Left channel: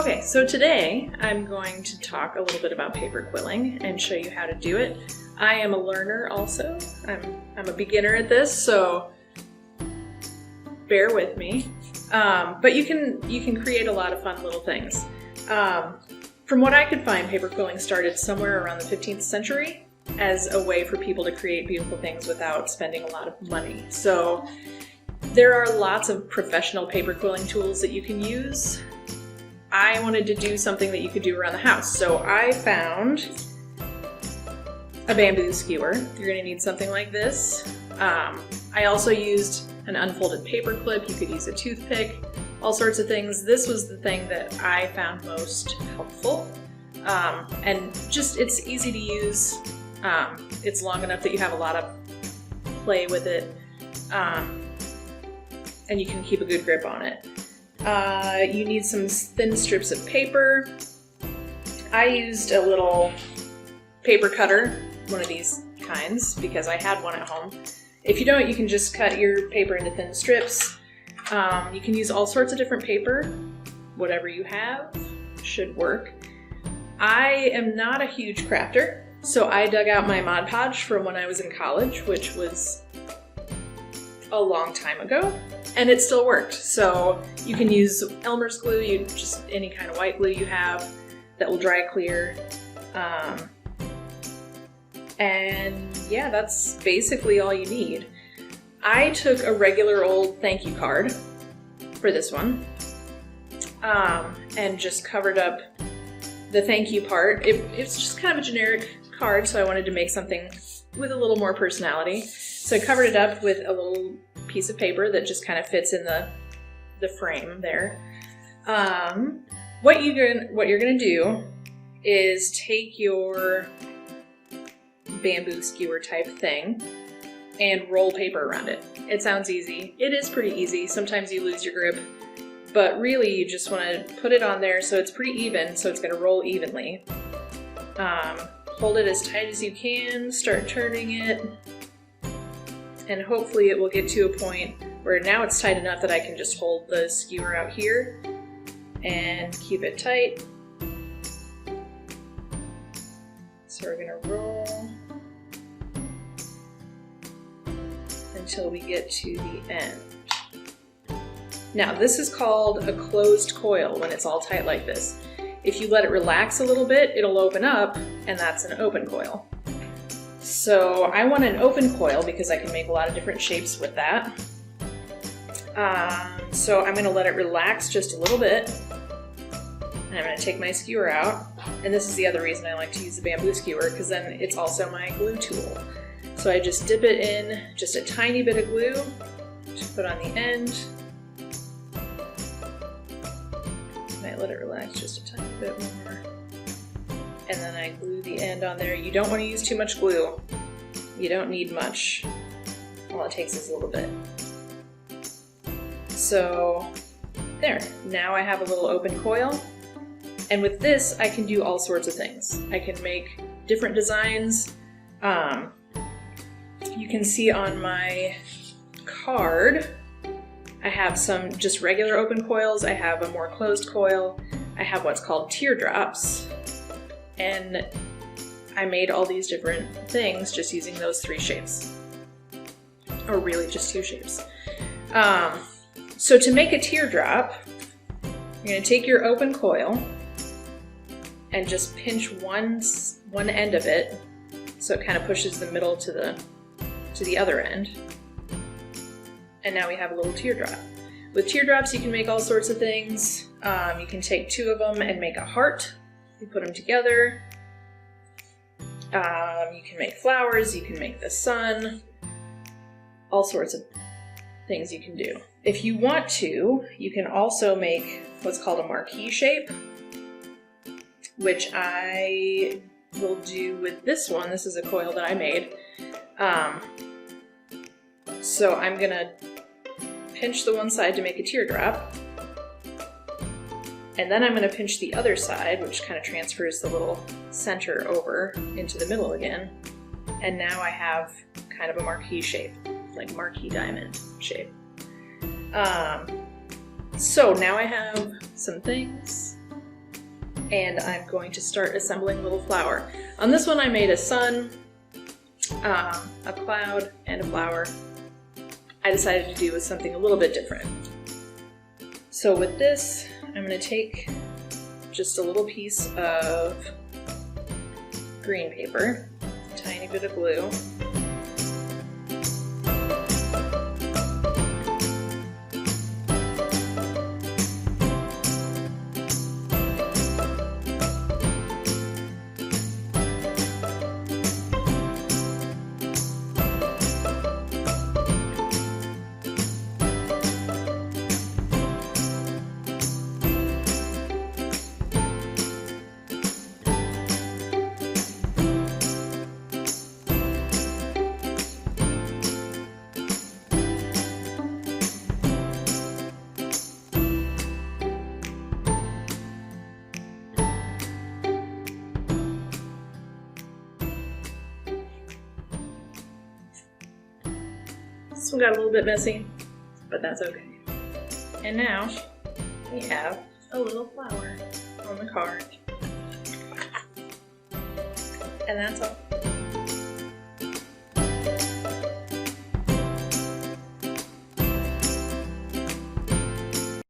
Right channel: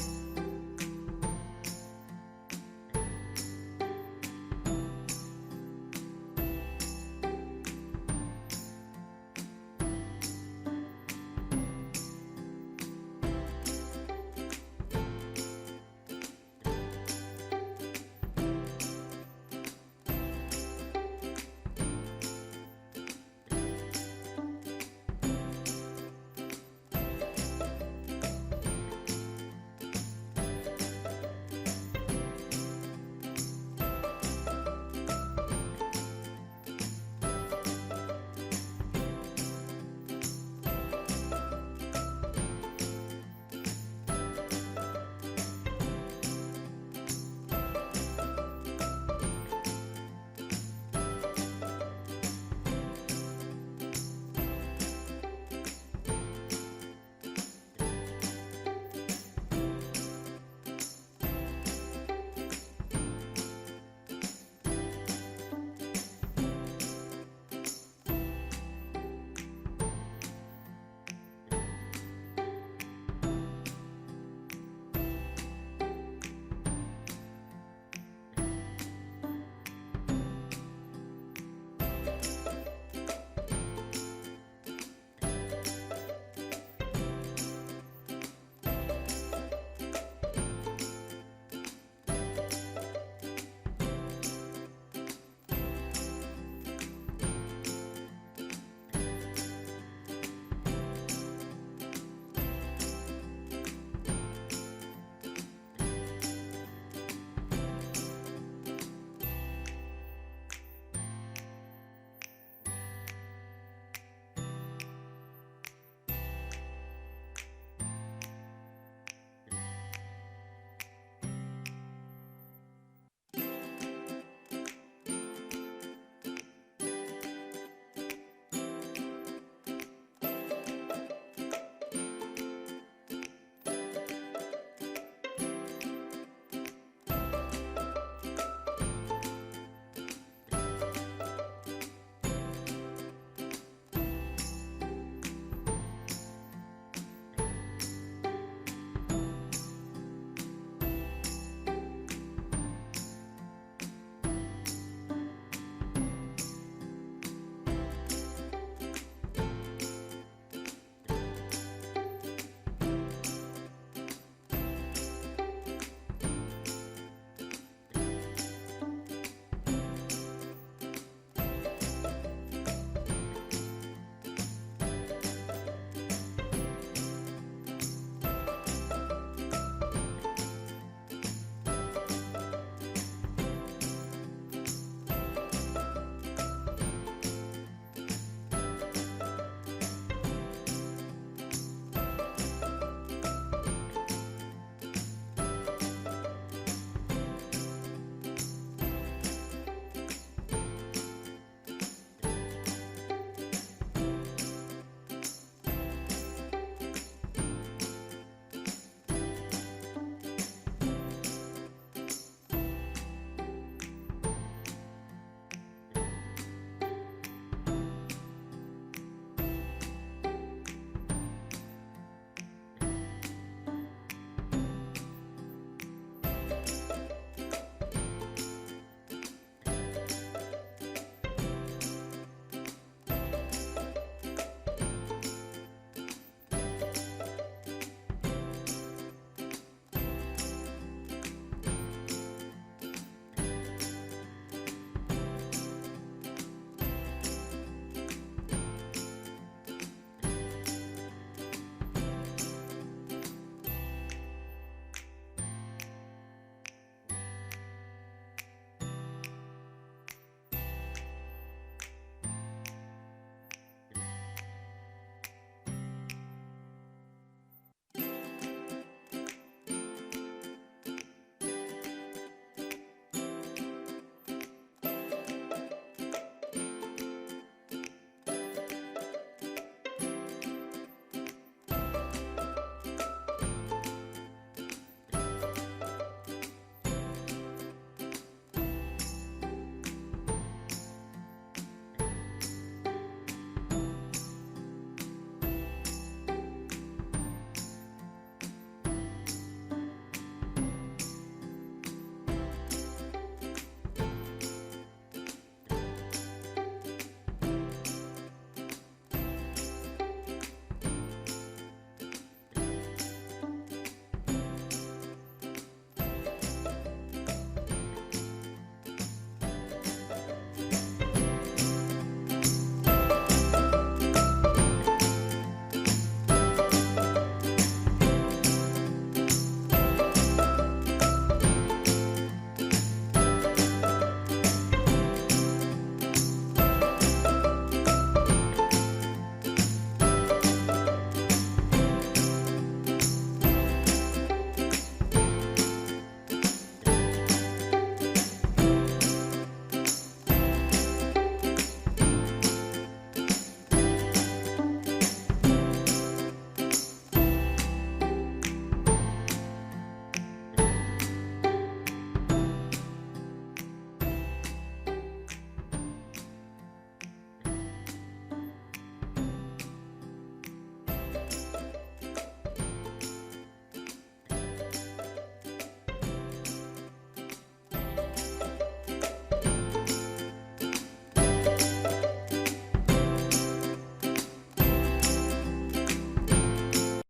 Okay, so today I'm going to talk a little bit about paper quilling and show you how to do it. I am a learner also. I'm a beginner at this, so bear with me. But you can create a lot of fun little things. From what I could find, paper quilling started somewhere around the 15th century as a way for people to create beautiful things without spending a lot of money. So there are lots of professional paper quilling tools that you can use. I wanted to do something that you could do around the house, so I found a bamboo skewer. You're going to need something like this. I also used an unfolded paper clip. You could use a toothpick, all sorts of things. This was the thing that I found most helpful, and just it's easy to use. It's long enough that you have a lot of play with it, and you can keep a good grip on it. You need some thin strips of paper. I used a little paper cutter, one of these kinds, because I had one at home. If you don't, you can just cut your paper into thin strips. You can use all sorts of different paper. Whatever you have should work. I am not a huge crafter, so I dug out my Mod Podge from when I was in college, which was a long time ago, and it still worked. So you can use Elmer's glue, just any kind of white glue you have that will dry clear. And yeah, that's basically all you need. I took a regular old thank you card for this one, and just covered up the thank you part. It's just kind of a generic card, so I wanted to make something with a little more personality. So I covered it up with a little piece of paper that just kind of fits in the frame there. What you're gonna do is take your bamboo skewer type thing and roll paper around it. It sounds easy. It is pretty easy. Sometimes you lose your grip, but really you just want to put it on there so it's pretty even, so it's going to roll evenly. Hold it as tight as you can, start turning it, and hopefully it will get to a point where now it's tight enough that I can just hold the skewer out here and keep it tight. So we're going to roll until we get to the end. Now this is called a closed coil when it's all tight like this. If you let it relax a little bit, it'll open up, and that's an open coil. So I want an open coil because I can make a lot of different shapes with that. So I'm going to let it relax just a little bit, and I'm going to take my skewer out. And this is the other reason I like to use the bamboo skewer, because then it's also my glue tool. So I just dip it in just a tiny bit of glue to put on the end. I let it relax just a tiny bit more. And then I glue the end on there. You don't want to use too much glue. You don't need much. All it takes is a little bit. So there, now I have a little open coil. And with this, I can do all sorts of things. I can make different designs. You can see on my card, I have some just regular open coils. I have a more closed coil. I have what's called teardrops. And I made all these different things just using those three shapes. Or really just two shapes. So to make a teardrop, you're going to take your open coil and just pinch one end of it so it kind of pushes the middle to the other end. And now we have a little teardrop. With teardrops you can make all sorts of things. You can take two of them and make a heart. You put them together. You can make flowers, you can make the sun, all sorts of things you can do. If you want to, you can also make what's called a marquee shape, which I will do with this one. This is a coil that I made. So I'm gonna pinch the one side to make a teardrop, and then I'm gonna pinch the other side, which kind of transfers the little center over into the middle again. And now I have kind of a marquee shape, like marquee diamond shape. So now I have some things and I'm going to start assembling a little flower. On this one I made a sun, a cloud, and a flower. I decided to do with something a little bit different. So with this, I'm going to take just a little piece of green paper, a tiny bit of glue, This one got a little bit messy, but that's okay. And now we have a little flower on the card.